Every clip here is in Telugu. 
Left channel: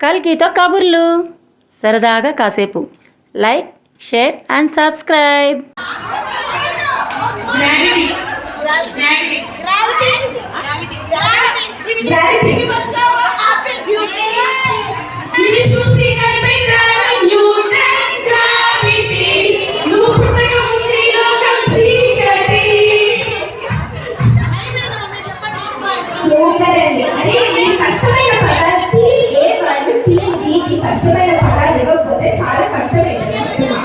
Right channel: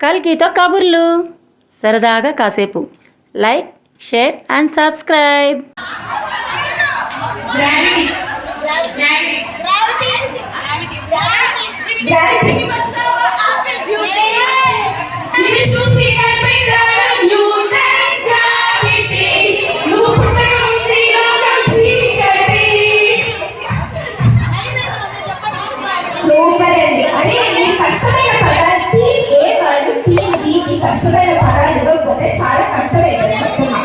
కల్కితో కబుర్లు సరదాగా కాసేపు లైక్ షేర్ అండ్ సబ్స్క్రైబ్ కష్టమైన పదాలు ఇవ్వకపోతే చాలా కష్టమైంది చెప్తున్నా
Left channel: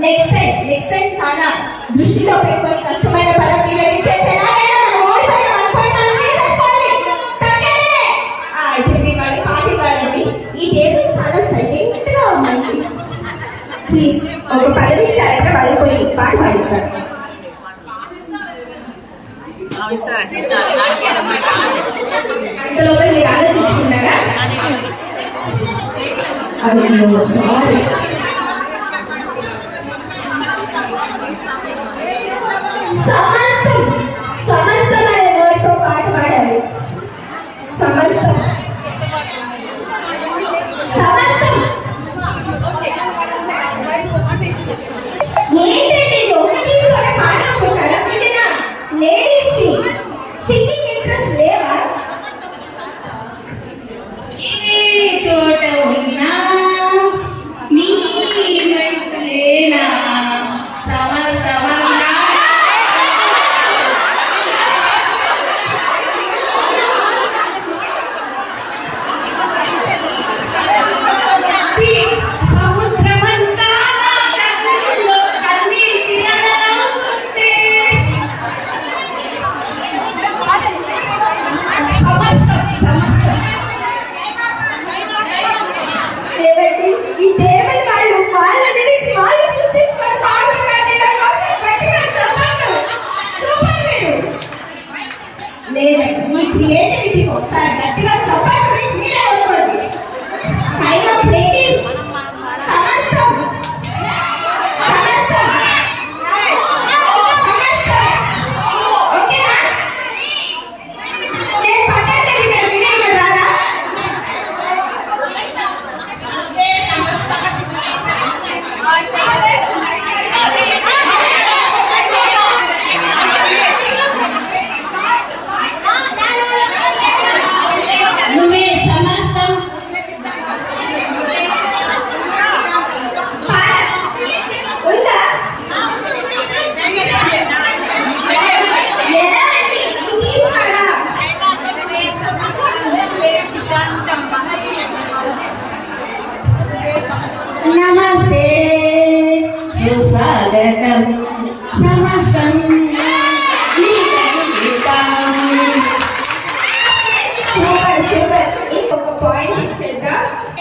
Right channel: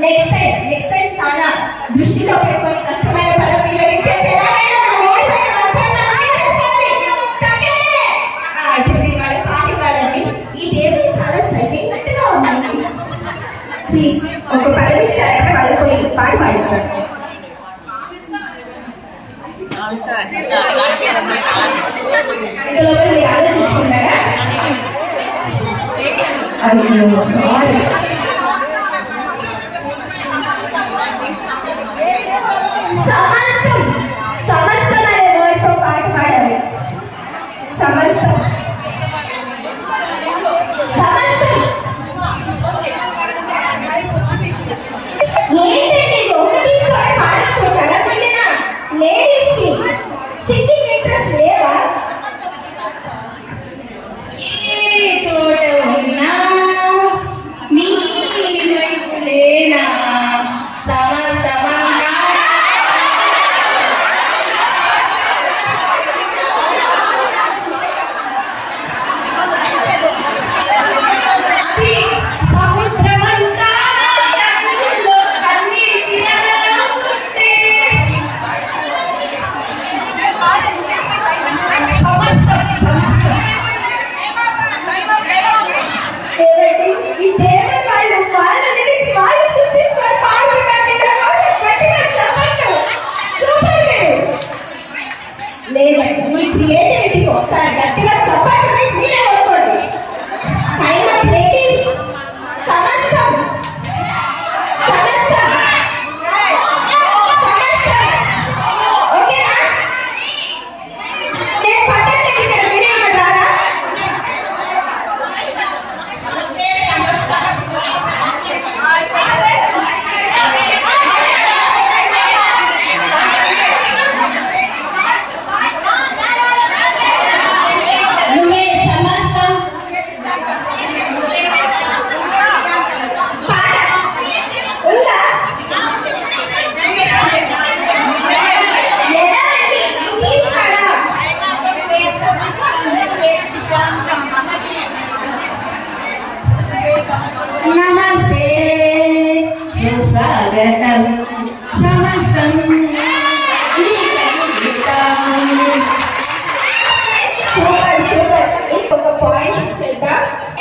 నెక్స్ట్ టైం నెక్స్ట్ టైం చాలా దృష్టిలో పెట్టుకొని కష్టమైన పదాలు మీరు ఇచ్చేసి ప్లీజ్ ఒక పదవి ఇచ్చారంటే వాళ్ళు పోయి పాట పాడిస్తారు ఇందులో మీరు ఆలోచించుకున్నారు Hallelujah. సమస్తం సమస్తం అనే వారితో పాట పాడాలి సమస్తం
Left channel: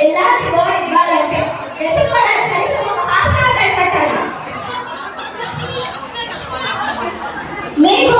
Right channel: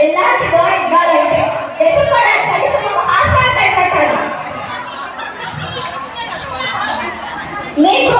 ಎಲ್ಲರಿಗೂ ಬಾಡಿ ಇವಾಗಂటే ಎದುರುಕೊಡಕ್ಕೆ ಕನಿಷ್ಠ ನೀವು ಆತ್ಮಹತ್ಯೆ ಪಟ್ಟಾలి మీకు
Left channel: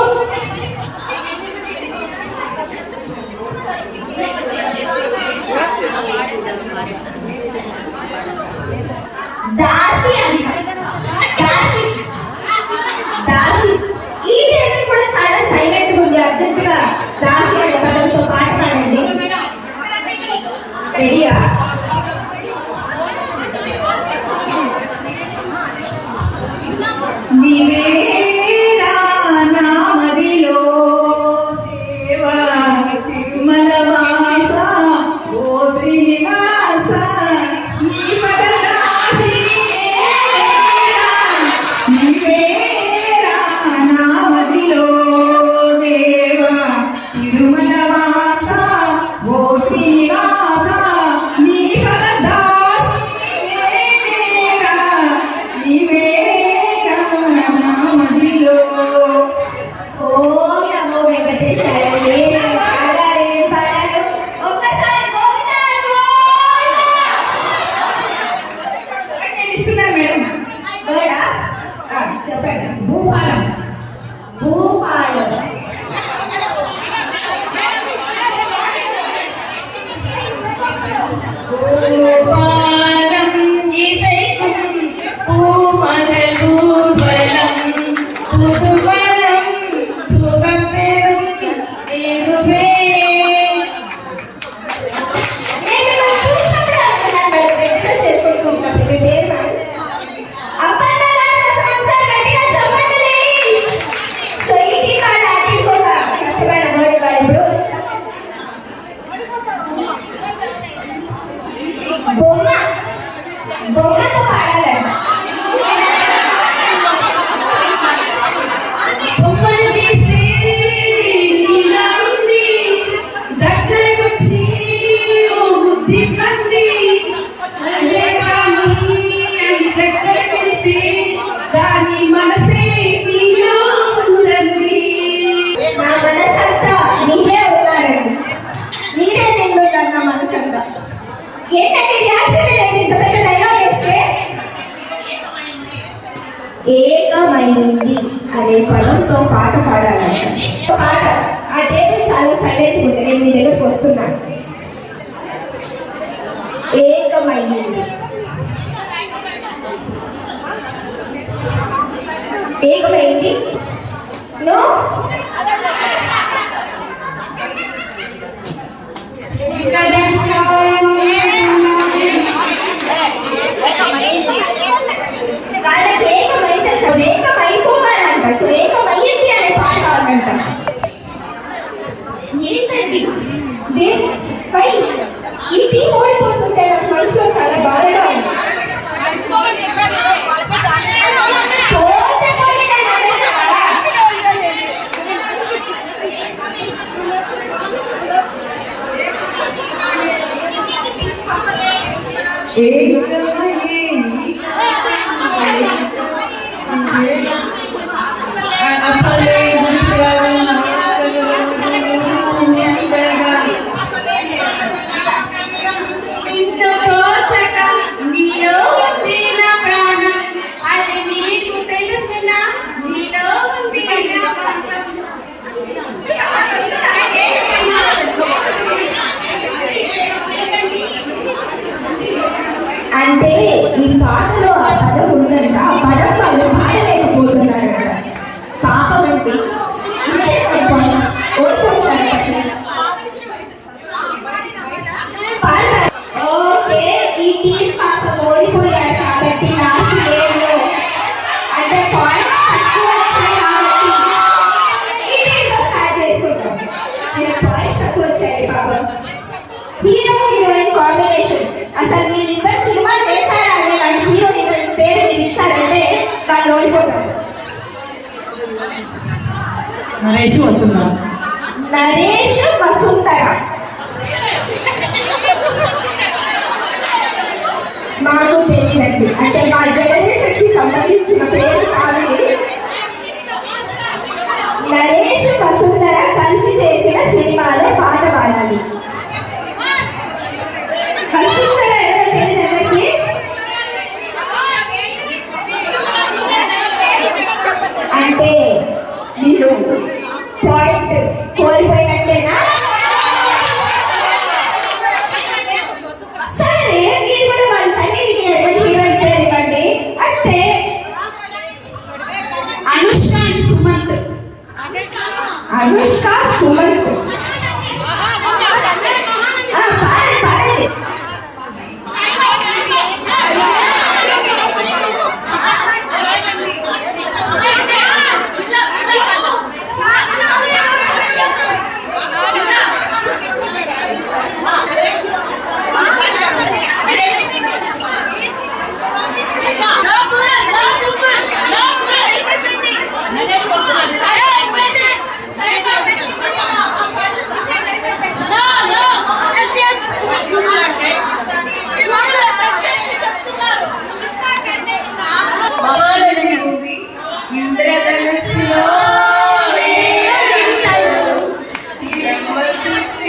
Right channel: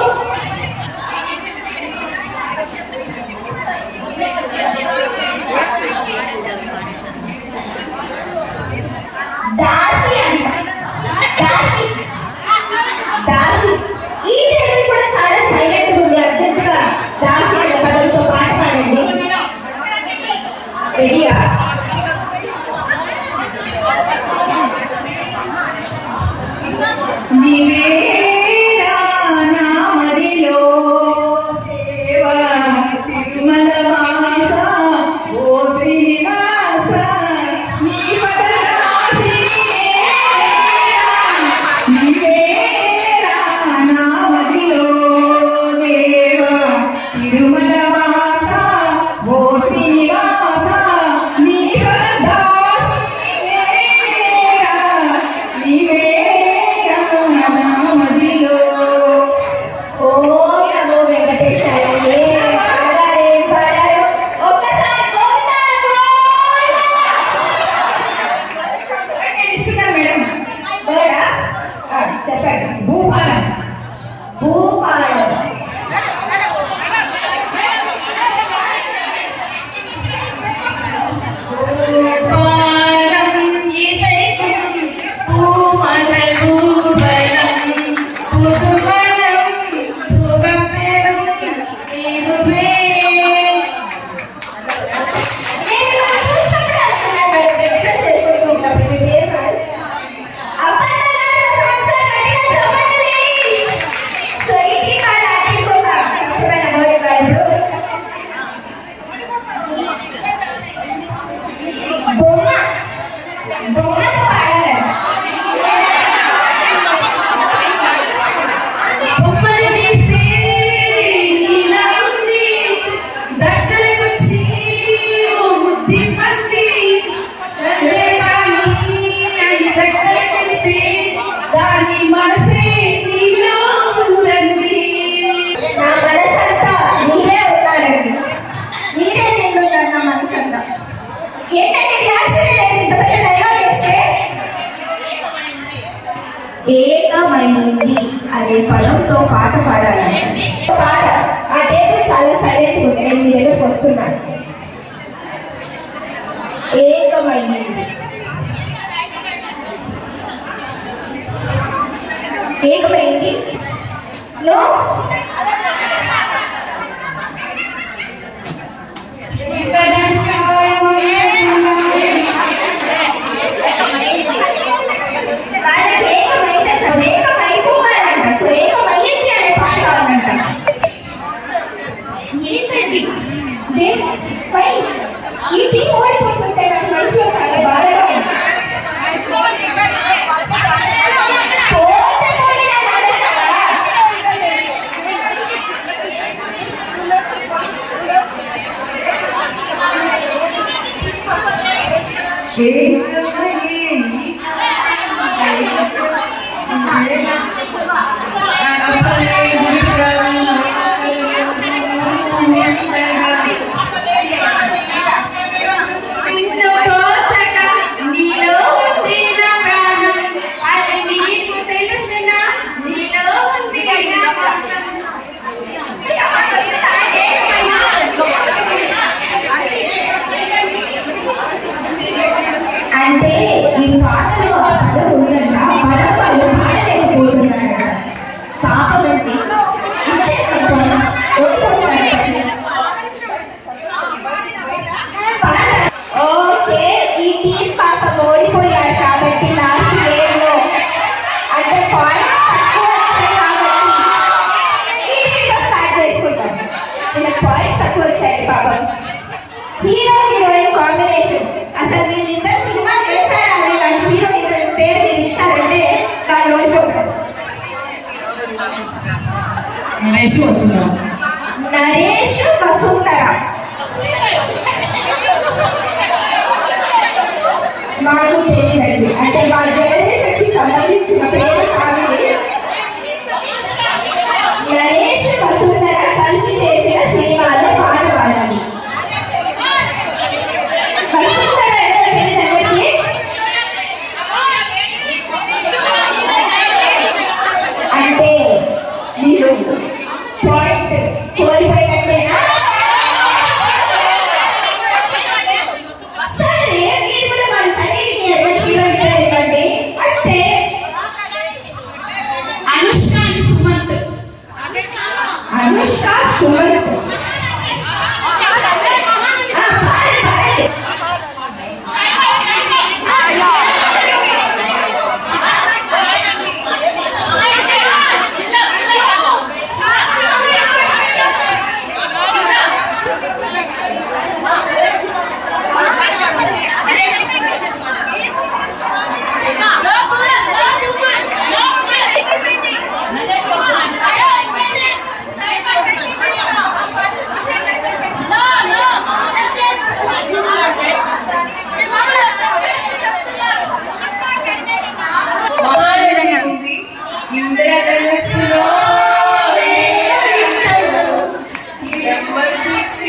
ఏంటంటే రియాక్షన్ లేదు ఇంత పెద్ద డైలాగ్ వేస్తే ఏకమైంది అనే పదంతో పాట పాడాలి. పాట. ఆ టేబుల్ చాలా సైలెంట్ ఉంది నేను మీ దగ్గరకు వస్తున్నాను ఏకమైంది. ఏకమైంది? నో? ఇక్కడ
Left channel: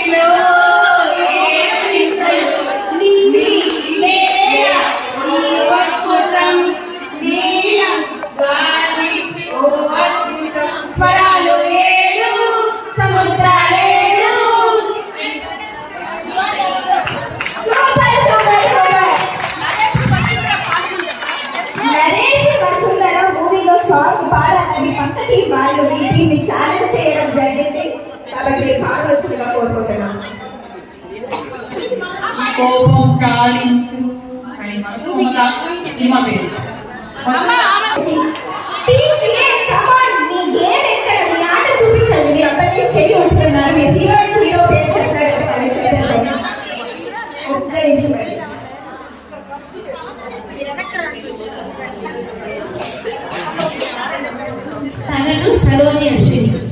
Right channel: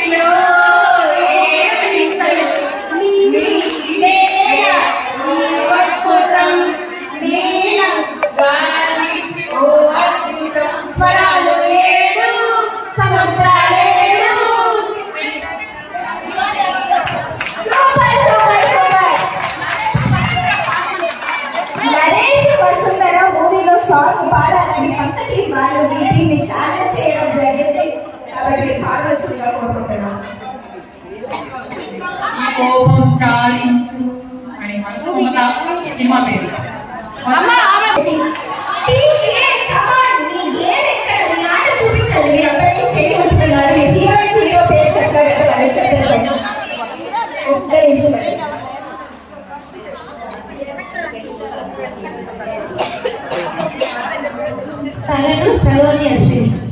you. సినిమా పేరు. తనను Saloni Ashwini.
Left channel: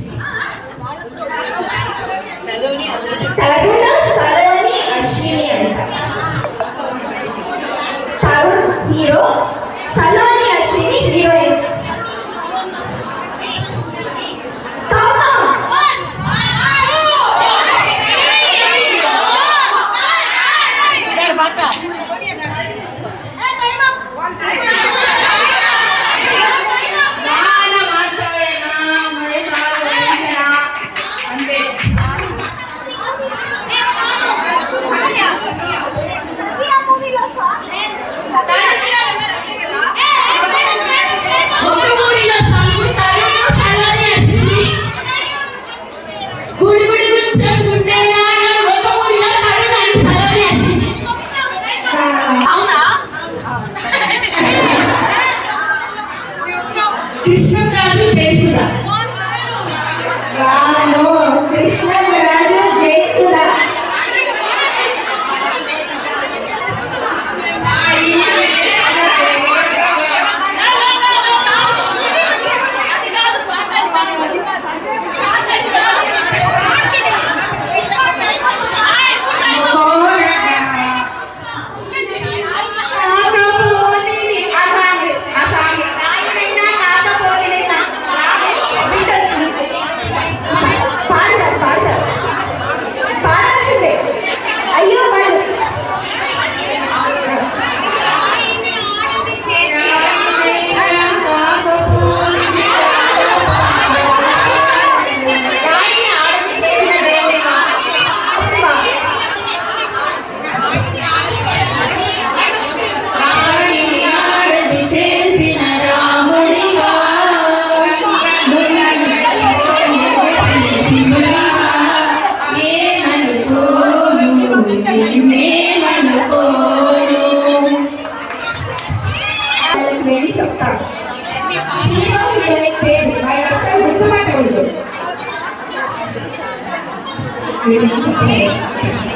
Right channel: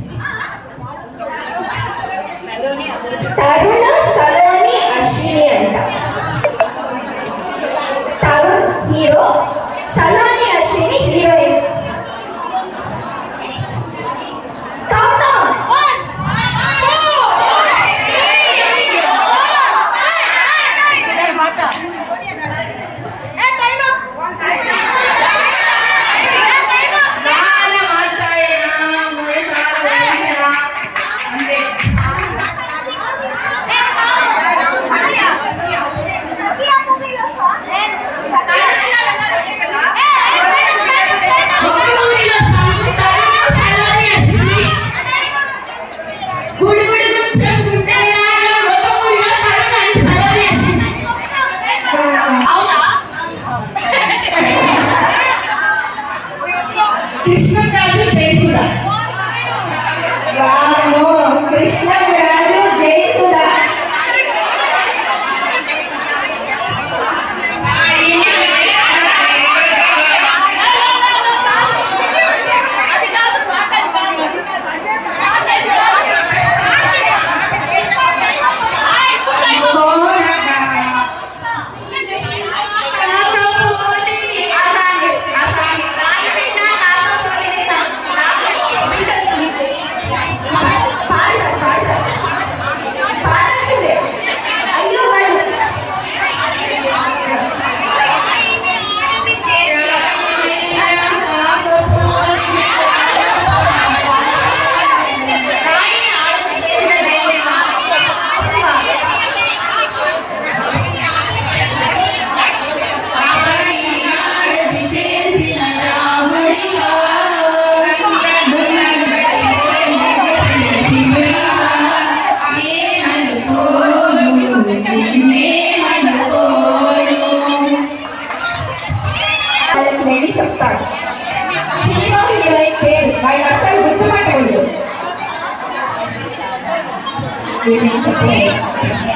Krishnaraju చేసుదా రామను Krishnaraju Jayasudha. くれ。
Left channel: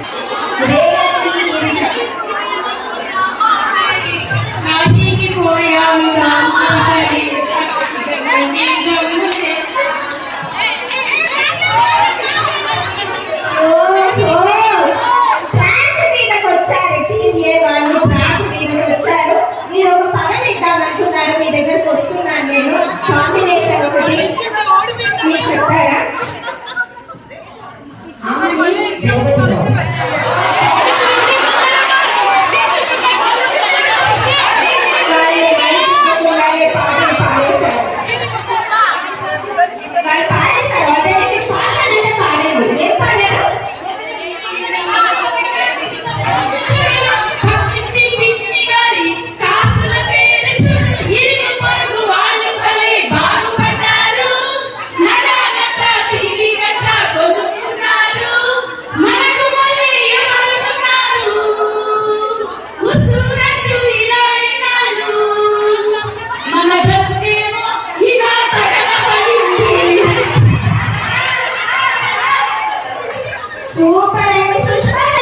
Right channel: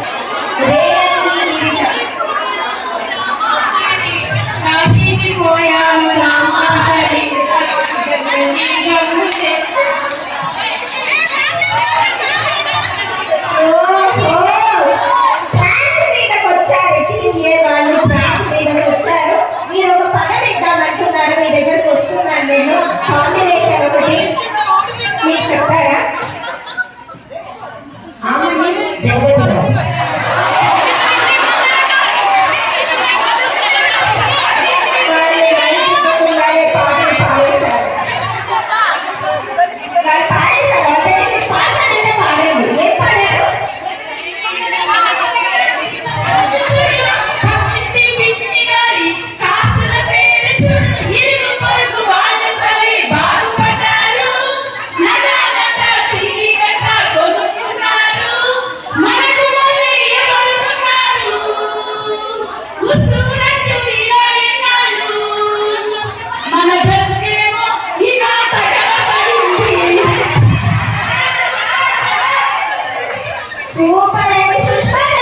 Senhor, para isso seus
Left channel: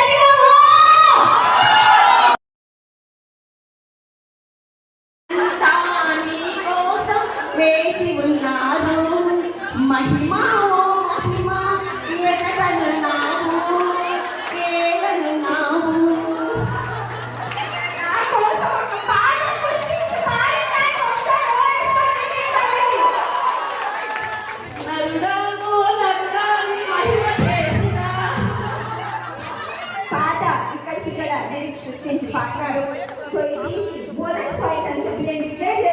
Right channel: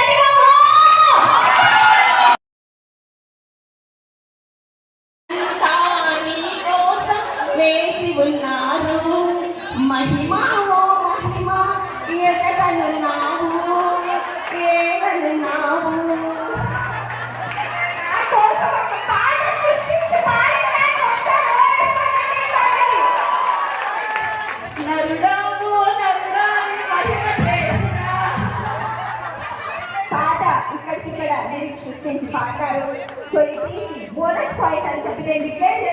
they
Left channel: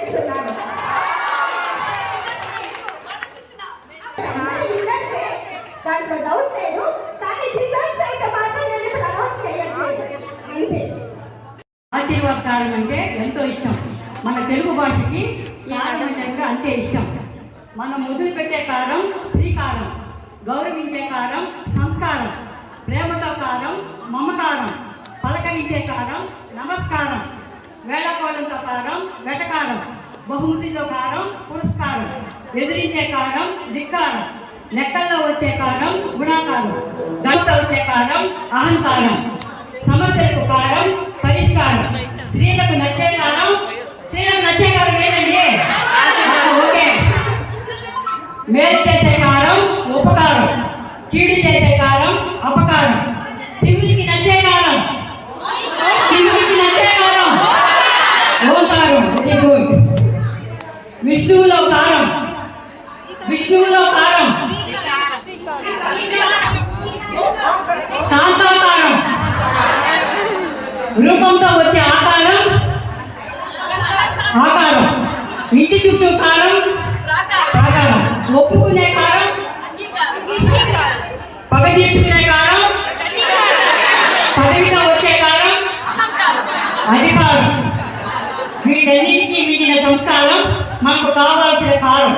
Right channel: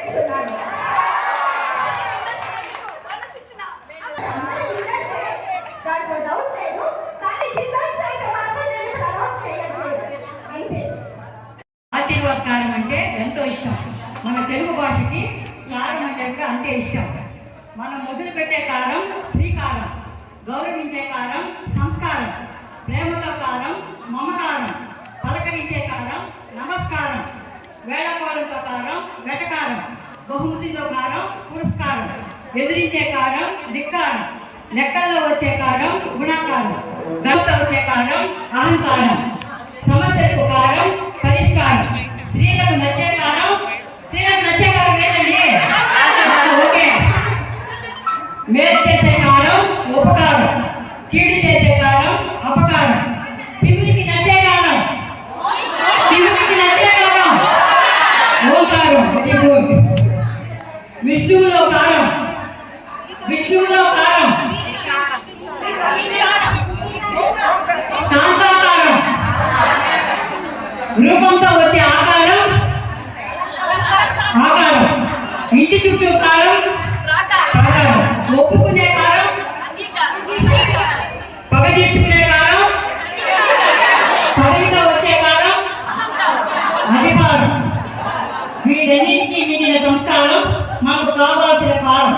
అహంకారం సమస్యకు కారం పరిష్కారం. స్త్రీలకు నచ్చే కారం స్త్రీలకు నచ్చే కారం ఏంటండి మేలు చేసే కారం ఉపకారం. కీడు చేసే కారం లోకంతో ఆకారం ఇంటి చుట్టూ కారం ప్రాకారం ఒప్పుకునే కారం పగటించుకునే కారం పదవితో వచ్చే కారం అధికారం వీటన్నిటికీ మిగిలిన సంస్కారం మాకు కావాల్సిన కారం